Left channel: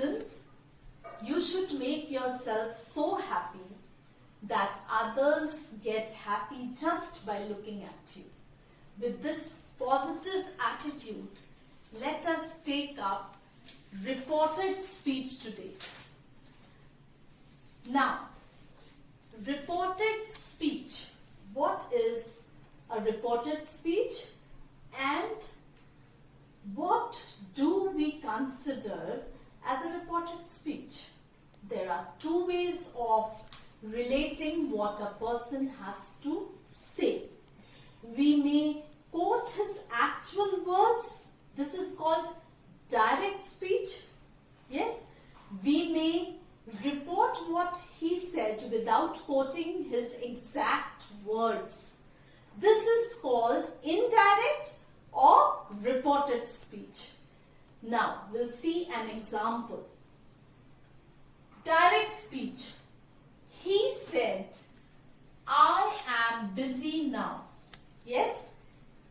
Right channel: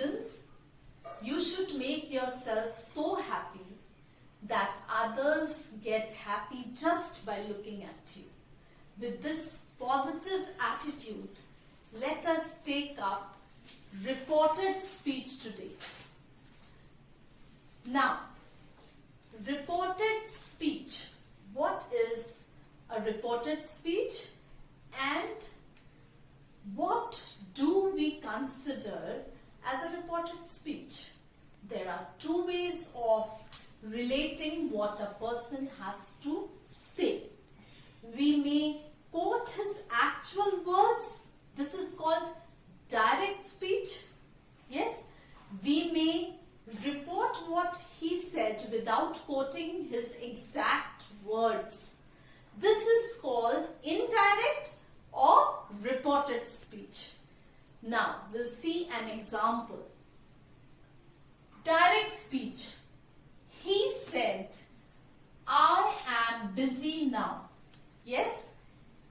students, you should make yourself so happy that others get happy just by looking at you. With this positive attitude, let us take up reported speech today. Now, reported speech. What is a reported speech and what do we consider as a reported speech? There are two ways of relating what a person has to say. We may quote his actual words. This is called direct speech. Yes, we may report what he said without quoting his exact words. This is called indirect or reported speech. Now, we'll see an example. Direct speech. He said, I am busy now. Yes,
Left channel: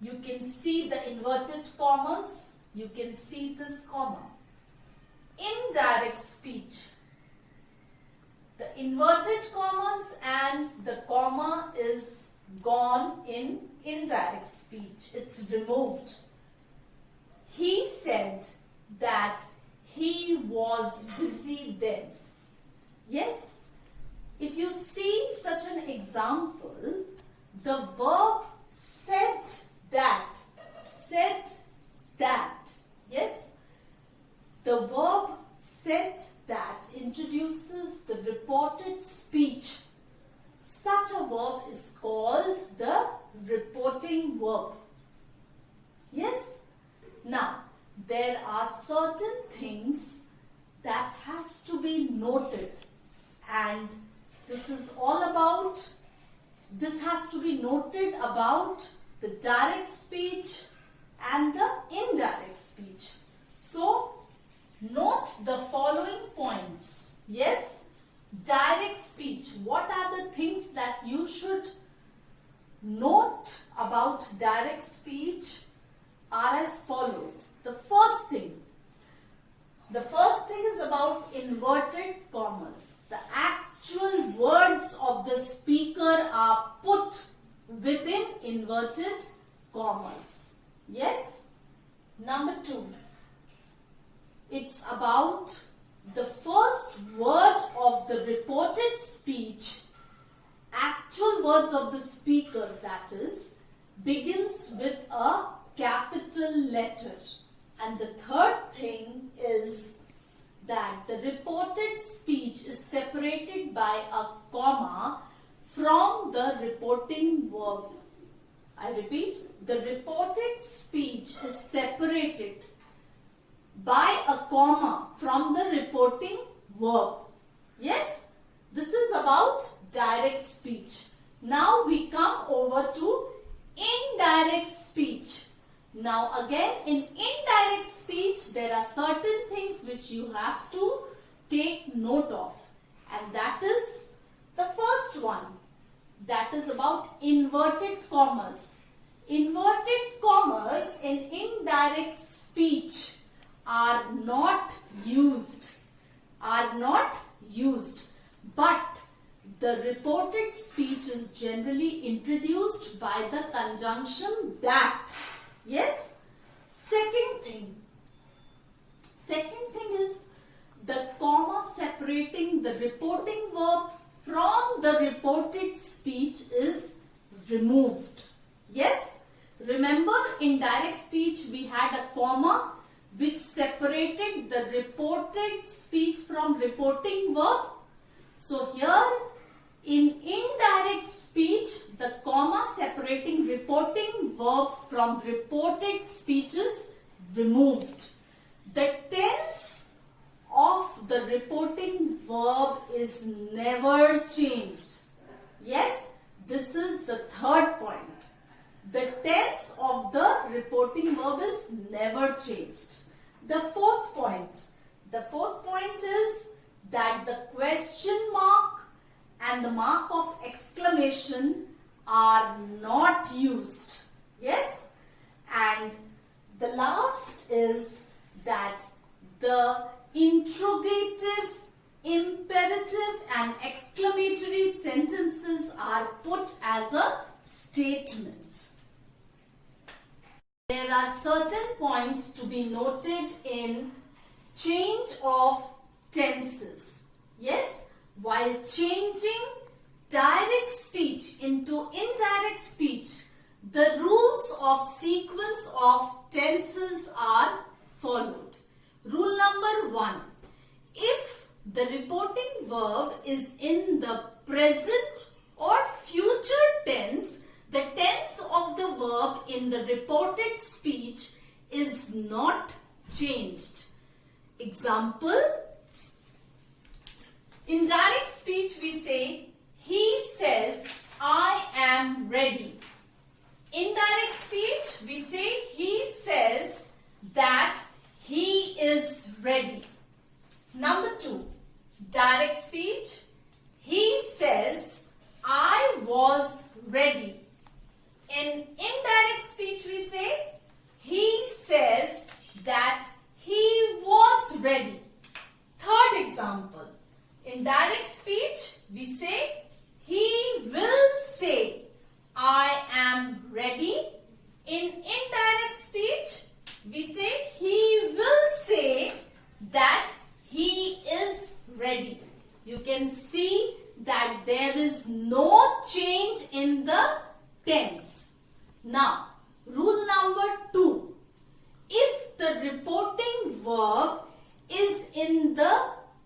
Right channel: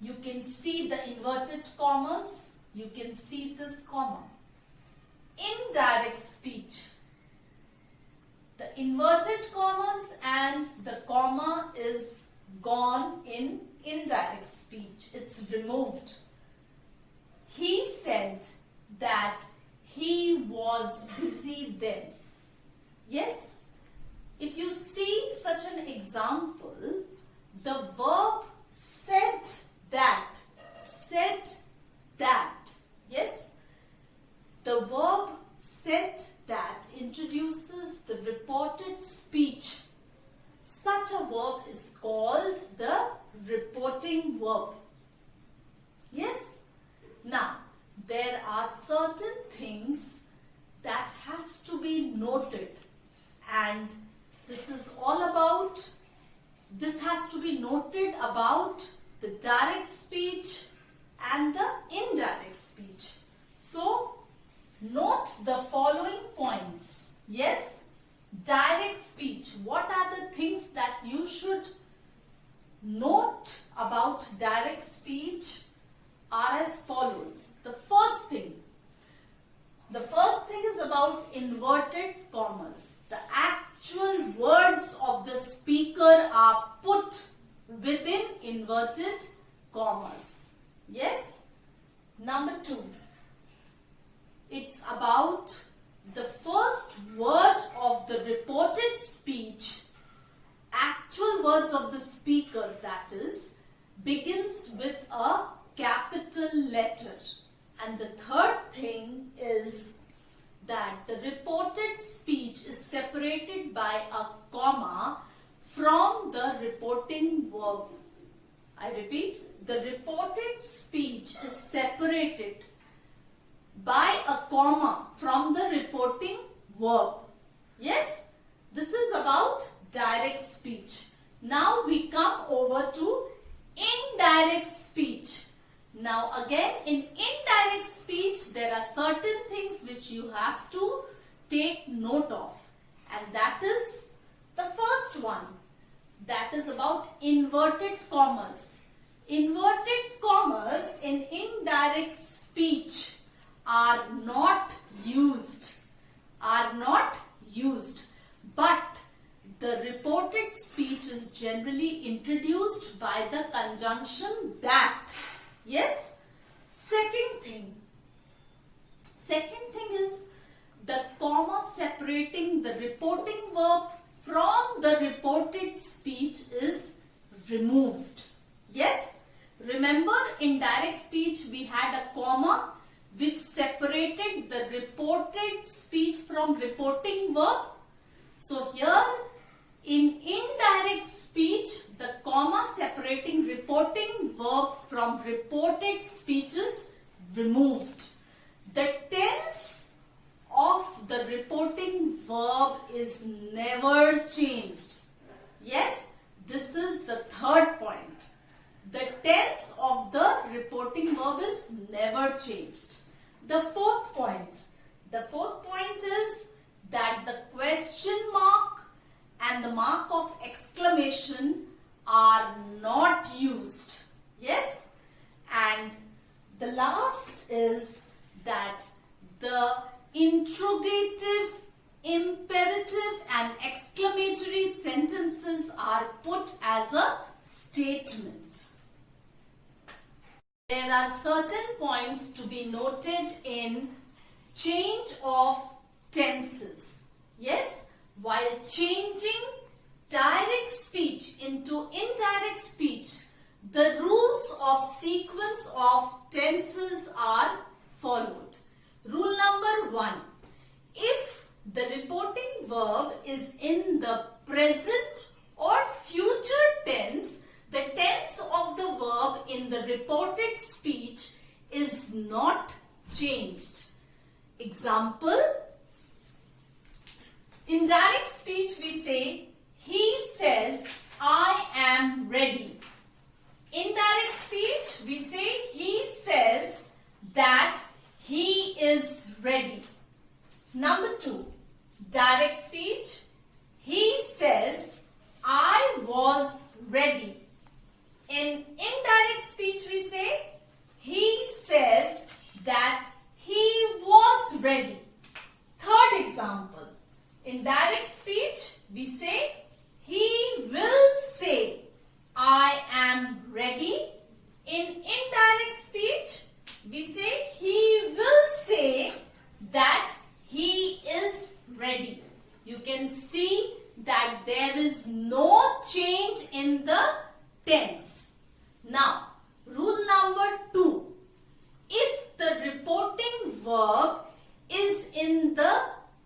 you can see the inverted commas. You can see this comma. Indirect speech. The inverted commas and the comma is gone in indirect speech. It's removed. He said that he was busy then. Yes, if you see such an example, the verb said that. Yes, the verb said that introduces the reported speech. Such a verb is called the reporting verb. Yes? Now, there are certain things that has to be noted, and this is all about, this has to be noted about the direct speech and the indirect speech. So, note the following points. Yes, direct speech. What are the things that you should note about direct speech are as follows. The first thing is about inverted commas. The actual words of the speaker are put within inverted commas. Yes. Number 2. It's about the first word of the reported speech, actual words of the speaker, that is, begins with a capital letter. And the third thing is that the reported speech is separated by a comma from the reporting verb. I repeat, the reported speech is separated by a comma from the reporting verb. Yes, this is about direct speech. Now we come over to indirect speech. Now again, in indirect speech there are certain things which you have to take note of, and that is the first one. That is about inverted commas. Inverted commas in indirect speech are not used, but the reported speech is generally introduced by the conjunction that. Yes. Second thing is the comma separating the reporting verb from the reported speech is removed. Yes. Remember, in direct speech we had a comma which separated the reported speech from reporting verb. So here in indirect speech, the comma separating reporting verb from reported speech is removed. The tense of the reporting verb is never changed. Yes, this is the third point. The tense of the reporting verb is never changed. The fourth point is that the question mark and the mark of exclamation are not used. Yes, and the last is that the interrogative, imperative and exclamatory sentences are put as a statement. There are certain points to be noted in change of tenses. Yes, while changing direct speech into indirect speech, the rules of sequence of tenses are followed. Rule number 1. If the reporting verb is in the present or future tense, the tense of the verb in the reported speech is not changed. Example, in direct speech we say, he says, I am ready. Indirect speech we say, he says that he is ready. Number 2, direct speech, he says, I was ready. In indirect speech we say, he says that he was ready. Third example, in direct speech we say, he will say, I am ready. In indirect speech we say, he will say that he is ready. You can see that there is no change in the tense. Now, rule number 2. If the reporting verb is in the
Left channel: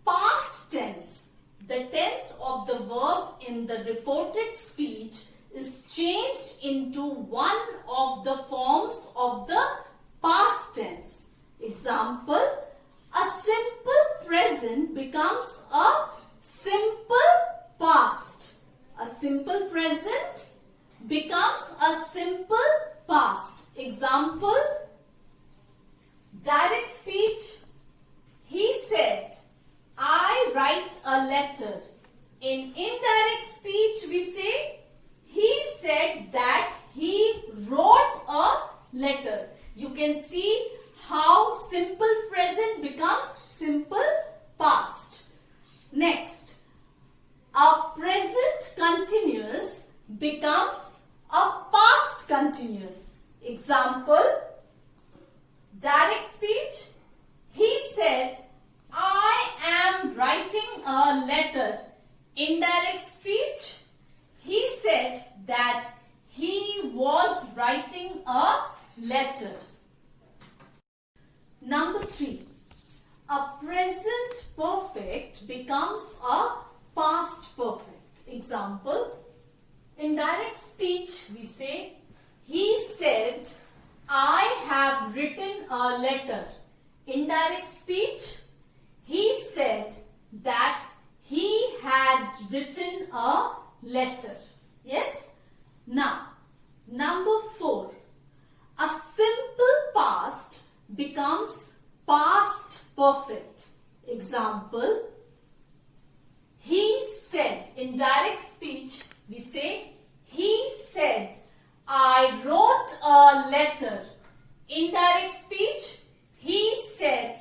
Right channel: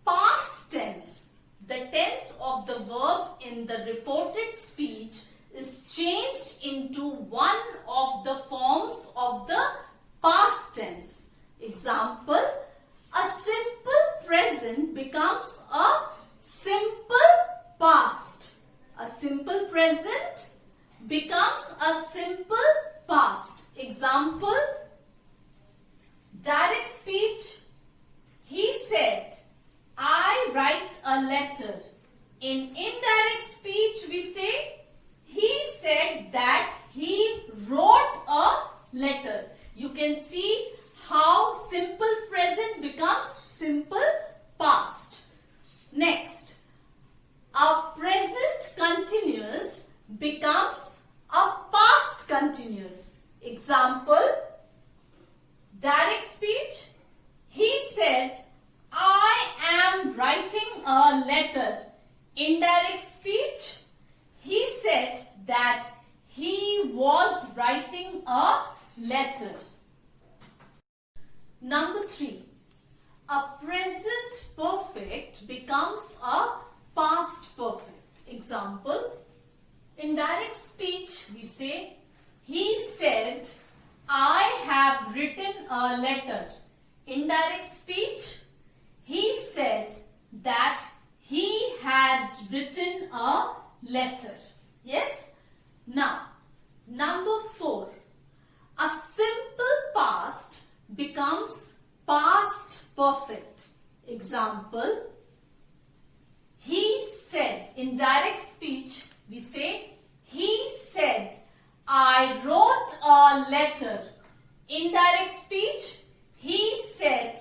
past tense, the tense of the verb in the reported speech is changed into one of the forms of the past tense. Example, a simple present becomes a simple past. A simple present becomes a simple past. Example, direct speech, he said, I write a letter. In indirect speech we say, he said that he wrote a letter. You can see how simple present becomes simple past. Next, a present continuous becomes a past continuous. Example, direct speech, he said, I am writing a letter. Indirect speech, he said that he was writing a letter. Number 3. A present perfect becomes a past perfect. Example, in direct speech we say, he said, I have written a letter. Indirect speech, he said that he had written a letter. Yes? Now, number 4. A simple past becomes past perfect. Example, he said. In direct speech, we say, he said, I wrote a letter. Indirect speech, he said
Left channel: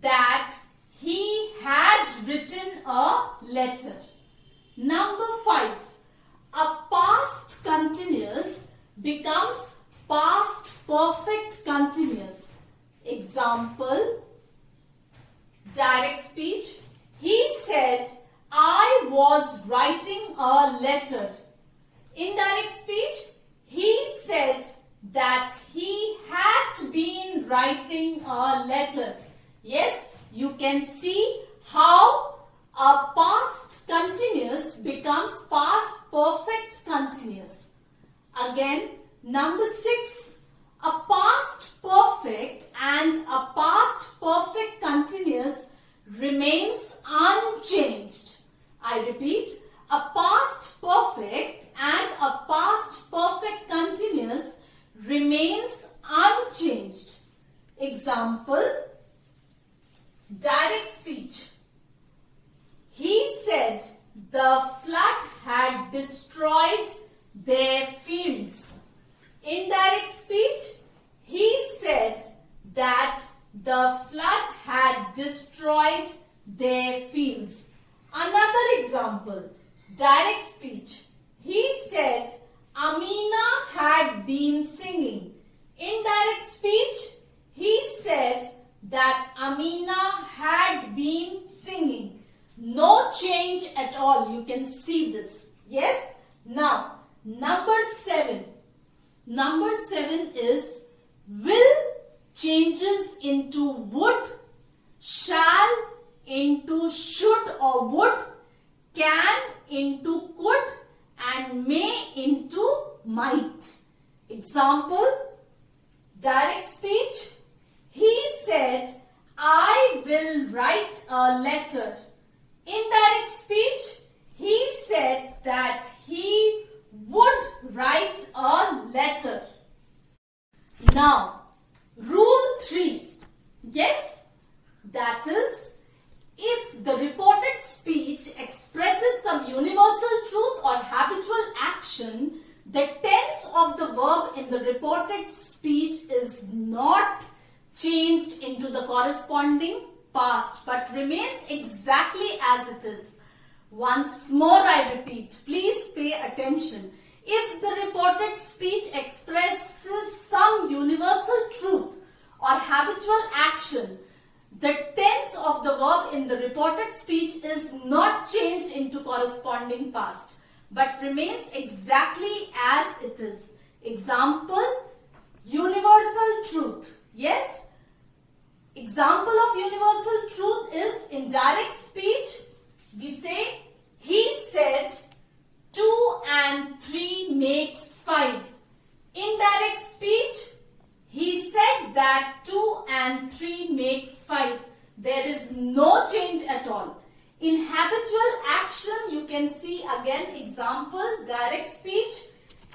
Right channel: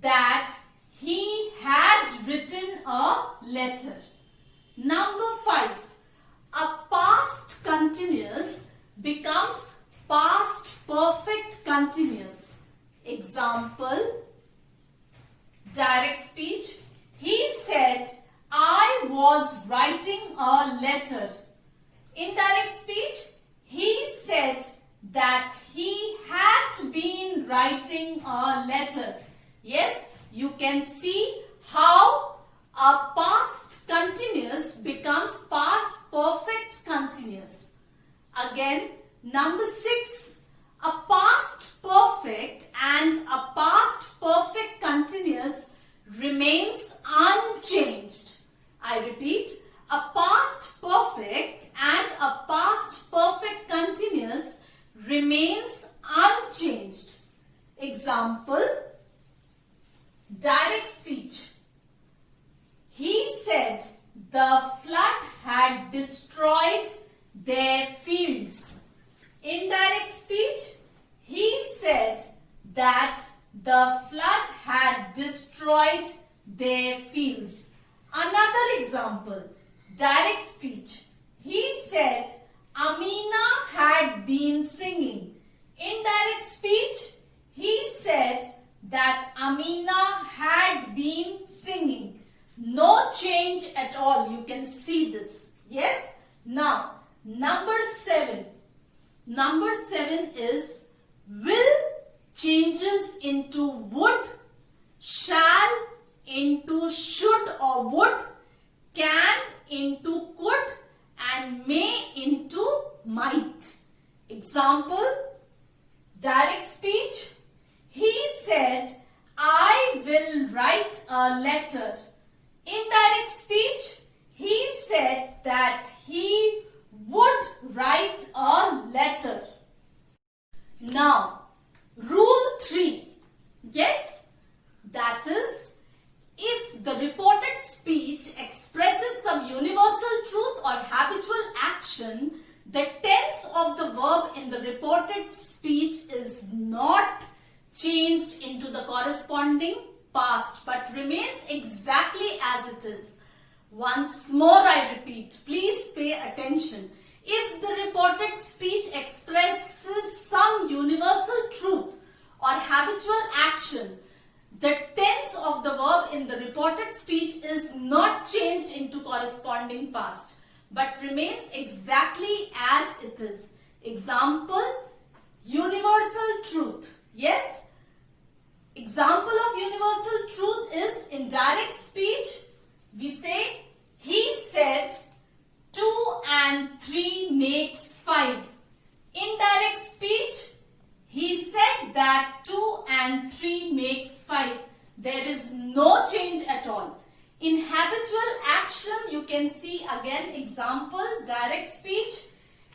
that he had written a letter. Number 5. A past continuous becomes past perfect continuous. Example, direct speech, he said, I was writing a letter. Indirect speech, he said that he had been writing a letter. Yes, you can see how a past continuous becomes past perfect continuous. Again, number 6. A past perfect and a past perfect continuous remains unchanged. I repeat, a past perfect and a past perfect continuous remains unchanged. Example, direct speech. He said the flood had destroyed their fields. Indirect speech, he said that the flood had destroyed their fields. Another example, direct speech. He said, Amina had been singing. Indirect speech, he said that Amina had been singing. No change at all. You can see this. Yes? Now, number 7. Number 7 is will changes into would, shall into should or would, can into could, and may into might. Example, direct speech. He said, I will write a letter. Indirect speech, he said that he would write a letter. Now, rule 3. Yes, that is, if the reported speech expresses some universal truth or habitual action, the tense of the verb in the reported speech is not changed into the corresponding past but remains exactly as it is. Once more I repeat, please pay attention. If the reported speech expresses some universal truth or habitual action, the tense of the verb in the reported speech is not changed into corresponding past but remains exactly as it is. Example, universal truth. Yes? Example of universal truth is in direct speech. We say, he said 2 and 3 makes 5. Indirect speech, he said that 2 and 3 makes 5. There is no change at all. In habitual action, you can see again example, direct speech.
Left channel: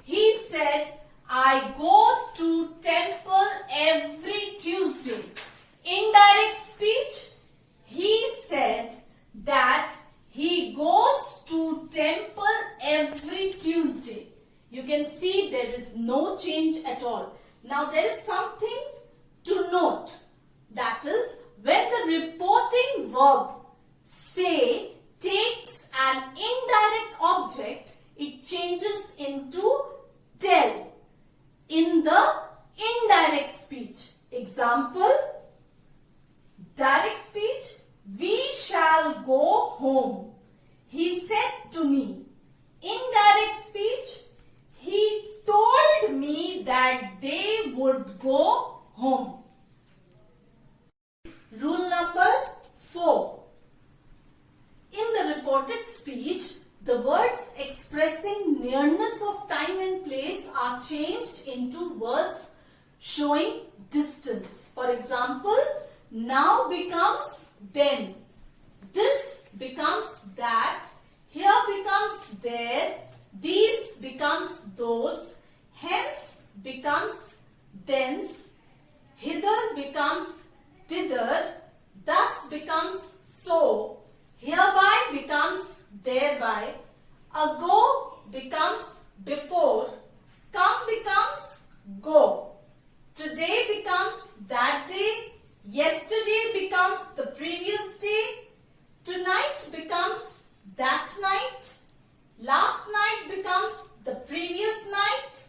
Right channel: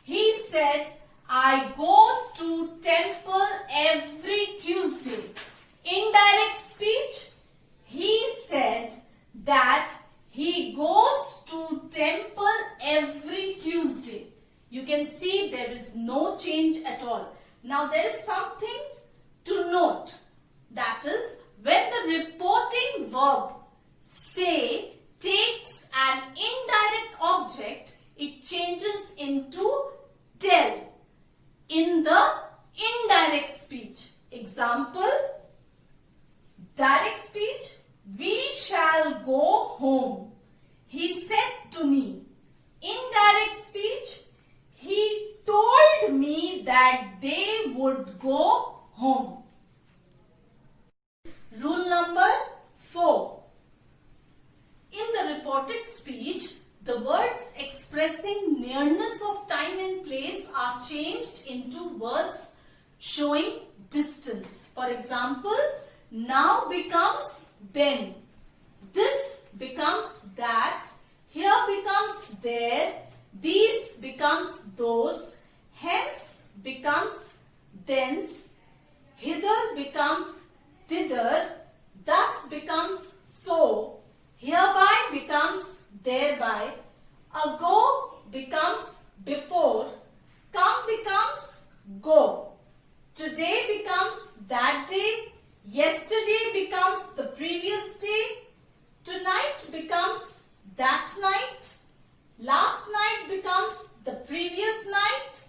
He said, I go to temple every Tuesday. Indirect speech, he said that he goes to temple every Tuesday. You can see there is no change at all. Now there is something to note. That is, when the reporting verb say takes an indirect object, it changes into tell in the indirect speech. Example, direct speech, we shall go home. He said to me. Indirect speech, he told me that they would go home. Rule number 4. In the reported speech, the words expressing nearness of time and place are changed into words showing distance. For example, now becomes then. This becomes that. Here becomes there. These becomes those. Hence becomes thence. Hither becomes thither. Thus becomes so. Hereby becomes thereby. Ago becomes before. Come becomes go. Today becomes that day. Yesterday becomes the previous day. Tonight becomes that night. Last night becomes the previous night.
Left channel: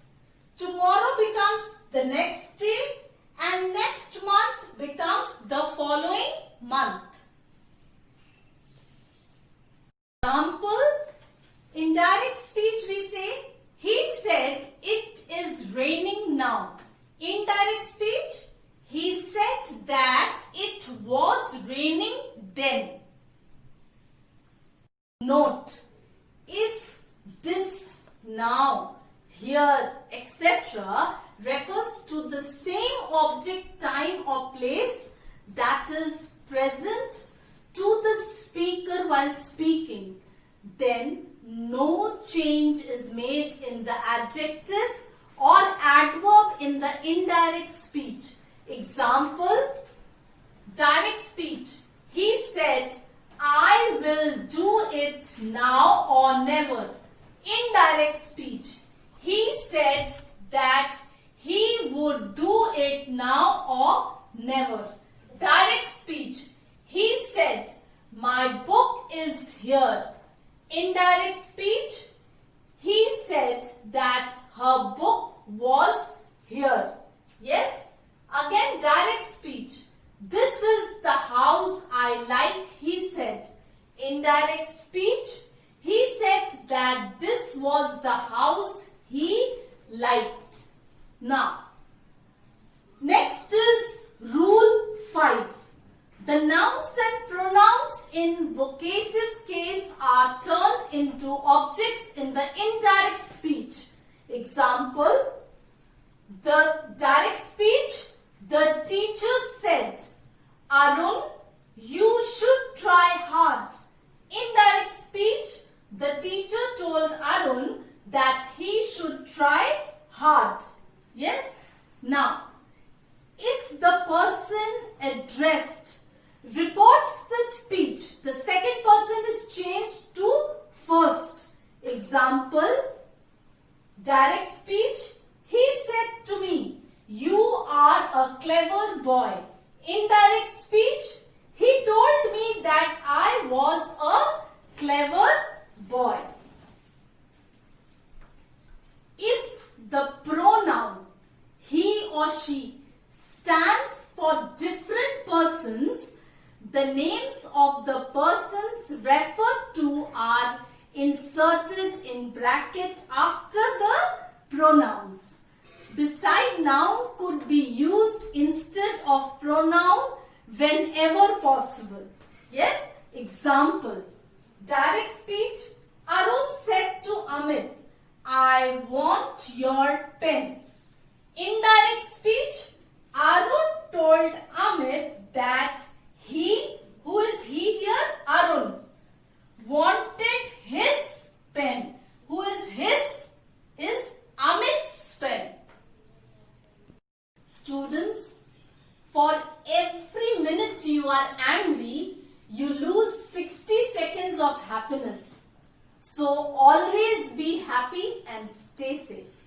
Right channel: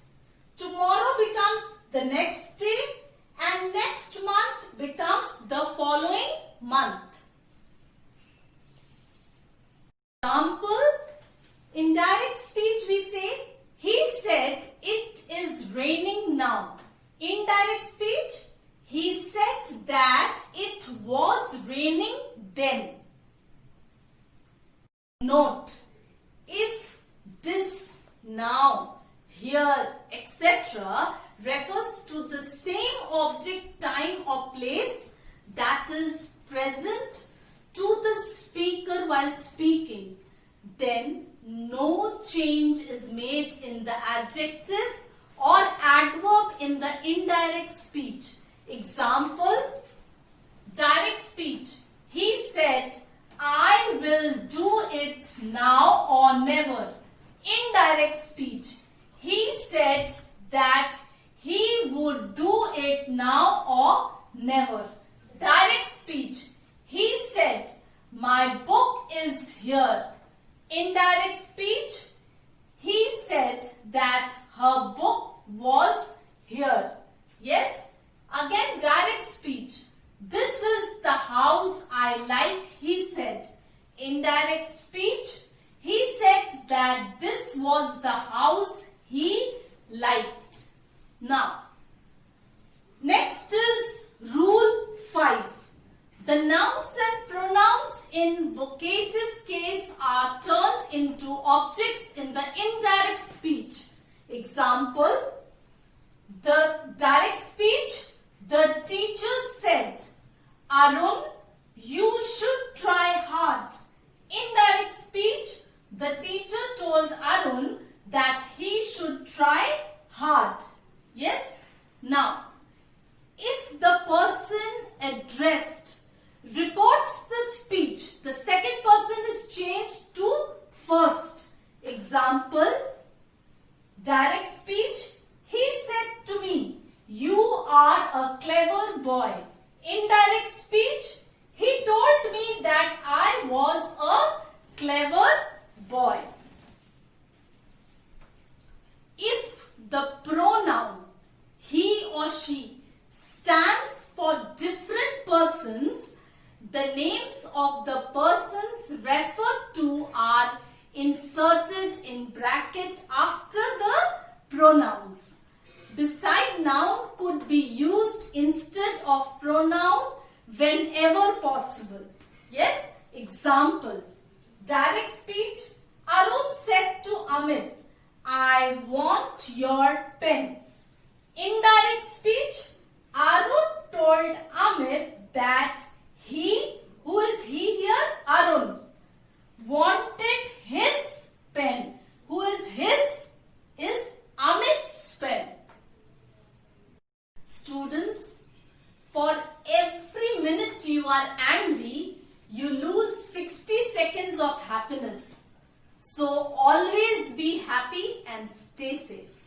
Tomorrow becomes the next day. And next month becomes the following month. Example, in direct speech we say, he said it is raining now. Indirect speech, he said that it was raining then. Note, if this, now, here, etc. refers to the same object, time or place that is present to the speaker while speaking, then no change is made in the adjective or adverb in the indirect speech. Example, direct speech. He said, I will do it now or never. Indirect speech. He said that he would do it now or never. Direct speech. He said, my book is here. Indirect speech. He said that her book was here. Yes? Again, direct speech. This is the house I like, he said. Indirect speech. He said that this was the house he liked. Now, next is Rule 5. The nouns and pronouns in vocative case are turned into objects in the indirect speech. Example, the direct speech, the teacher said, Arun, you should try hard. Indirect speech, the teacher told Arun that he should try hard. Yes? Now, if the person addressed reports the speech, the second person is changed to first. Example, direct speech, he said to me, you are a clever boy. Indirect speech, he told me that I was a clever boy. If the pronoun he or she stands for different persons, the names of the persons referred to are inserted in bracket after the pronouns. Beside noun could be used instead of pronoun whenever possible. Yes? Example, direct speech, Arun said to Amit, I want your pen. Indirect speech, Arun told Amit that he, who is he here? Arun, wanted his pen. Who is his? Is Amit's pen. Students, for every minute you are angry, you lose 60 seconds of happiness. So always be happy and stay safe.